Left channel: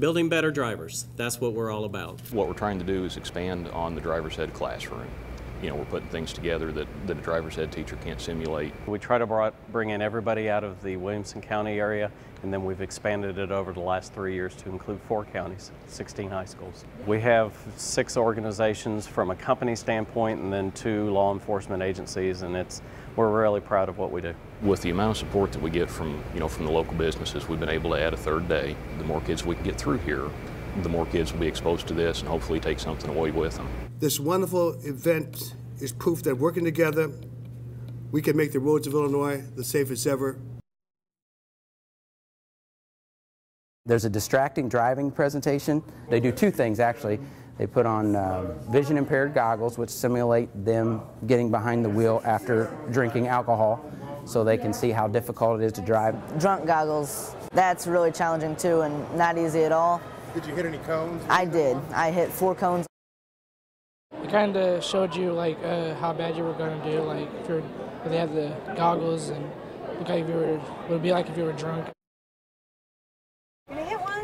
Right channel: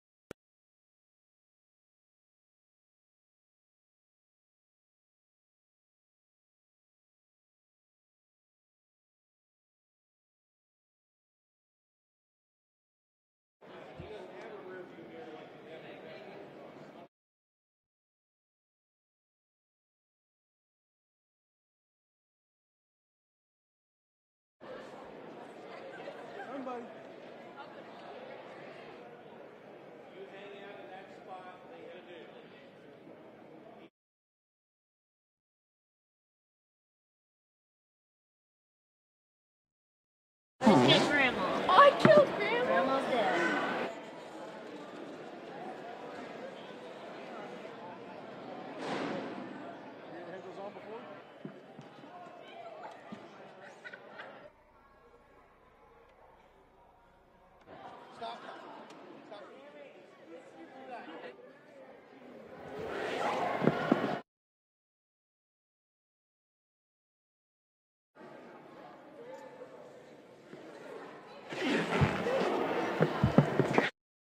Building better drivers, that's what we're all about. What we're trying to do is expand on the driver's ed classroom. We're putting things together that a driver's ed teacher can't simulate. We try to bring in everybody out of the Williamson County area, and then we've expanded it over the last 3 years to include 4 counties, 16 high schools. We have 6 organizations from a company standpoint and then 2 law enforcement agencies, and we're really proud of what we do. With the amount of support that we get from the local businesses, we've been able to add a 3rd day. The more kids we can get through here, the more kids will be exposed to this and hopefully take something away with them. This wonderful event is proof that working together, we can make the roads of Illinois the safest ever. I killed Grandma. Oh, I killed Grandma. Grandma's dead. There's a distracting driving presentation. They do 2 things, actually. They put on vision impaired goggles, which simulate them getting behind the wheel after drinking alcohol, so they can see how difficult it is to drive. Drunk goggles, that's really challenging too and not easy at all. Did you hit any cones? I did. I hit 4 cones. It kind of showed you how bad you were going to do, if they had the goggles, and it would be like if you were drunk. Did you hit one?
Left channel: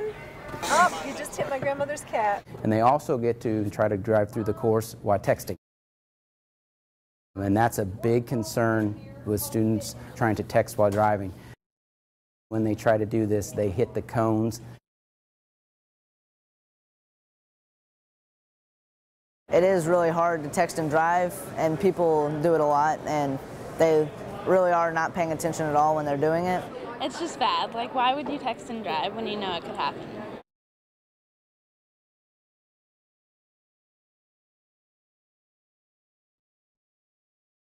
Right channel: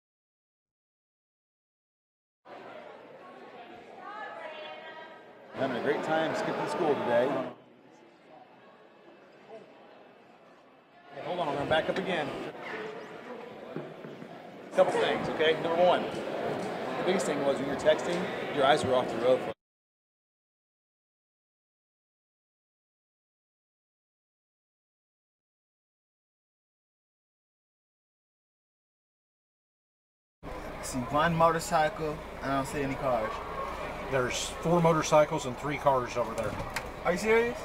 Oh, you just hit my grandmother's cat. And they also get to try to drive through the course while texting. Having a great time skipping school today. And that's a big concern with students trying to text while driving. Hold on, I'm going to back up again. When they try to do this, they hit the cones. Couple things, okay? Number 1, the biggest thing was when you're texting, your eyes were off the road. It is really hard to text and drive, and people do it a lot, and they really are not paying attention at all when they're doing it. It's just bad. Why would you text and drive when you know it could happen? I see 1 motorcycle, and I don't see any cars. There's 4 motorcycles and 3 cars over there. Are you serious?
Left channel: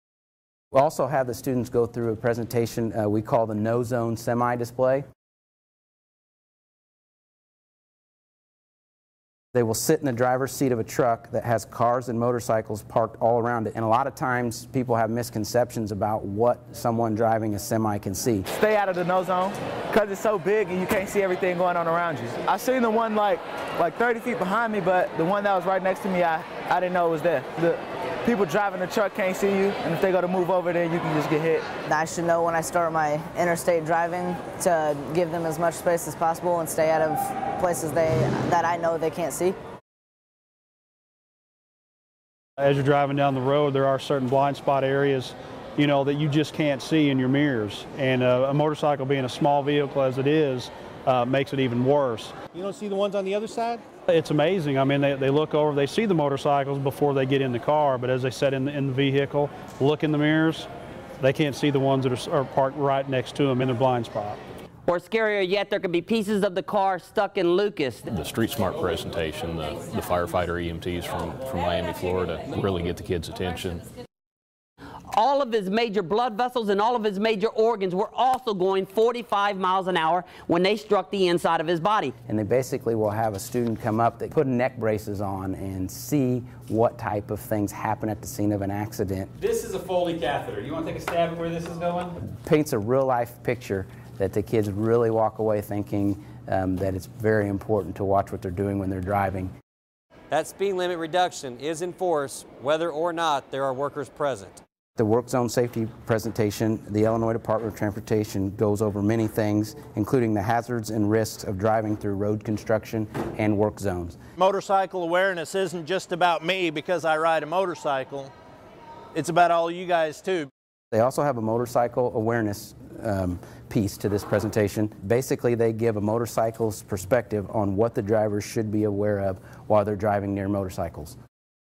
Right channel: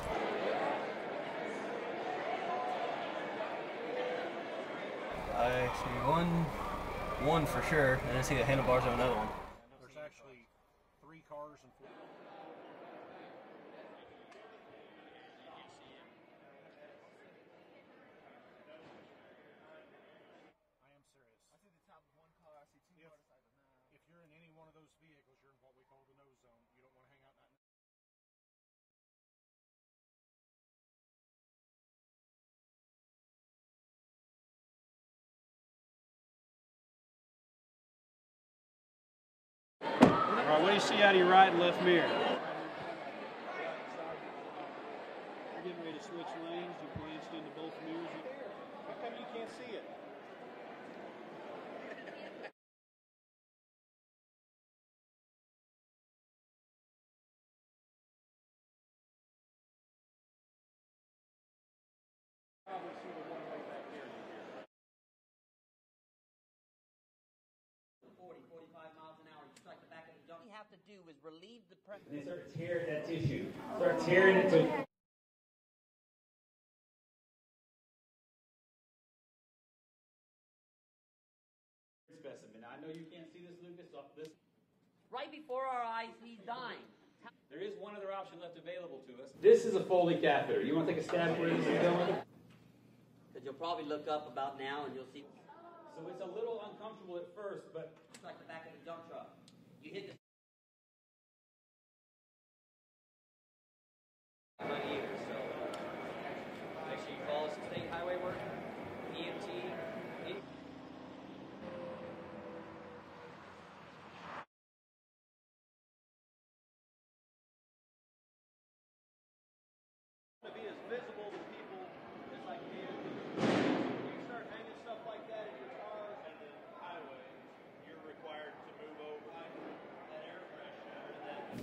We also have the students go through a presentation we call the No Zone Semi-Display. I see one for sure, and I see the handlebars of another one. They will sit in the driver's seat of a truck that has cars and motorcycles parked all around it. And a lot of times people have misconceptions about what someone driving a semi can see. Stay out of the no zone because it's so big and you can't see everything going on around you. I seen the one like 30 feet behind me, but the one that was right next to me, I didn't know it was there. The people driving the truck can't see you, and if they go to move over there, you can just get hit. I should know when I start my interstate driving to give them as much space as possible and stay out of places that I know they can't see. All right, what do you see out of your right and left mirror? As you're driving down the road, there are certain blind spot areas, that you just can't see in your mirrors. And a motorcycle being a small vehicle as it is, makes it even worse. You don't see the ones on the other side? It's amazing. I mean, they look over, they see the motorcycles before they get in the car, but as they sit in the vehicle, look in the mirrors, they can't see the ones that are parked right next to them in their blind spot. Or scarier yet, there could be pieces of the car stuck in Lucas. The Street Smart presentation, the firefighter EMTs from Miami, Florida, really get the kids' attention. All of his major blood vessels and all of his major organs were also going 45 miles an hour when they struck the inside of his body. And they basically will have a student come up, they put neck braces on and see what type of things happen at the scene of an accident. This is a Foley catheter. You want to take a stab at where this is going? Paints a real-life picture that the kids really walk away thinking that it's very important to watch what they're doing when they're driving. That speed limit reduction is in force whether or not there are workers present. The work zone safety presentation, the Illinois Department of Transportation goes over many things, including the hazards and risks of driving through road construction and work zones. Motorcycle awareness isn't just about me because I ride a motorcycle. It's about all you guys too. They also have a motorcycle awareness piece to this presentation. Basically, they give a motorcycle's perspective on what the drivers should be aware of while they're driving near motorcycles.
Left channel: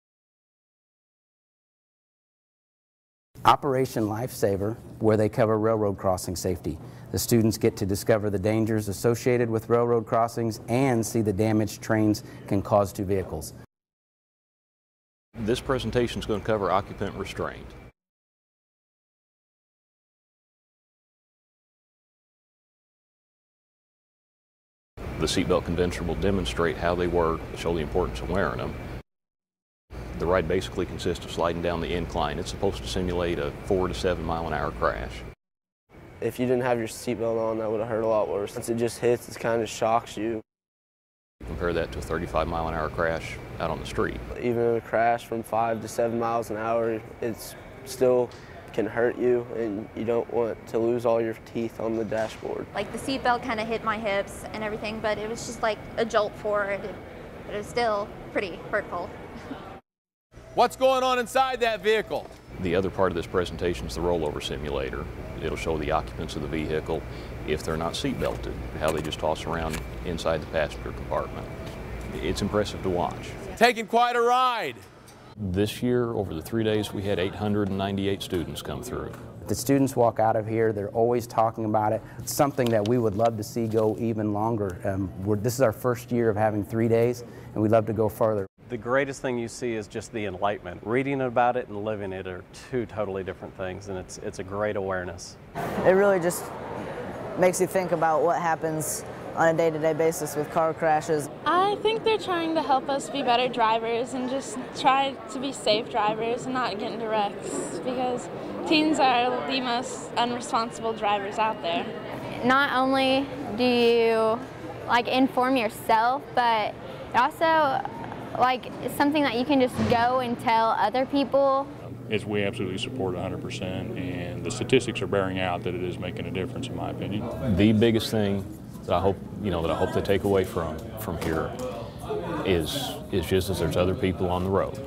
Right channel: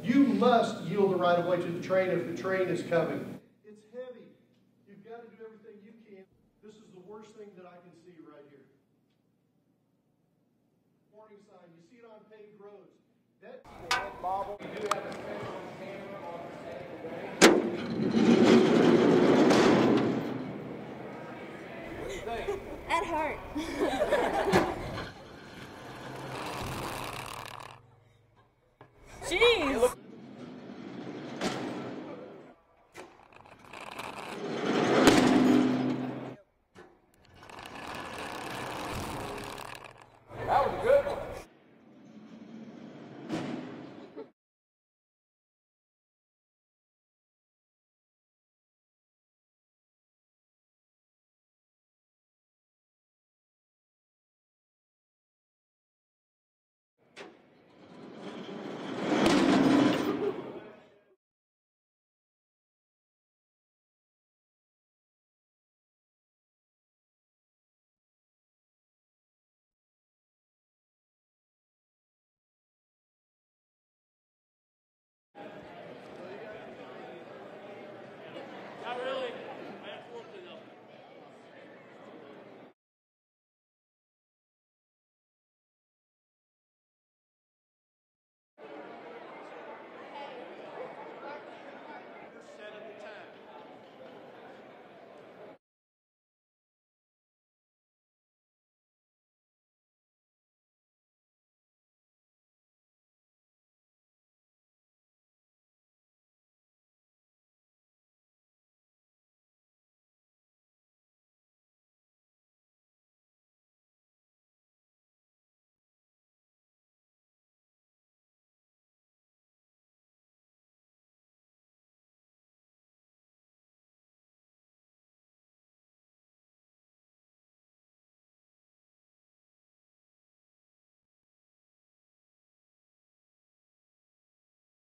You must yield the right-of-way to the train if the train is coming. Operation Lifesaver, where they cover railroad crossing safety. The students get to discover the dangers associated with railroad crossings and see the damage trains can cause to vehicles. This presentation is going to cover occupant restraint. At heart. The seatbelt condenser will demonstrate how they work, show the importance of wearing them. Jeez! The ride basically consists of sliding down the incline. It's supposed to simulate a 4 to 7 mile an hour crash. If you didn't have your seatbelt on, that would have hurt a lot worse. Once it just hits, it kind of shocks you. Compare that to a 35 mile an hour crash out on the street. Even in a crash from 5 to 7 miles an hour, it's still can hurt you, and you don't want to lose all your teeth on the dashboard. Like the seatbelt kind of hit my hips and everything, but it was just like a jolt forward. But it was still pretty hurtful. What's going on inside that vehicle? The other part of this presentation is the rollover simulator. It'll show the occupants of the vehicle, if they're not seat belted, how they just toss around inside the passenger compartment. It's impressive to watch. Taking quite a ride. This year, over the 3 days, we had 898 students come through. The students walk out of here, they're always talking about it. It's something that we would love to see go even longer. This is our first year of having 3 days, and we'd love to go further. The greatest thing you see is just the enlightenment. Reading about it and living it are two totally different things, and it's a great awareness. It really just makes you think about what happens on a day-to-day basis with car crashes. I think they're trying to help us be better drivers and just try to be safe drivers and not get into wrecks, because teens are the most unresponsible drivers out there. Not only do you inform yourself, but also it's something that you can just go and tell other people. We absolutely support 100%, and the statistics are bearing out that it is making a difference, in my opinion. The biggest thing that I hope they take away from here is just that there's other people on the road.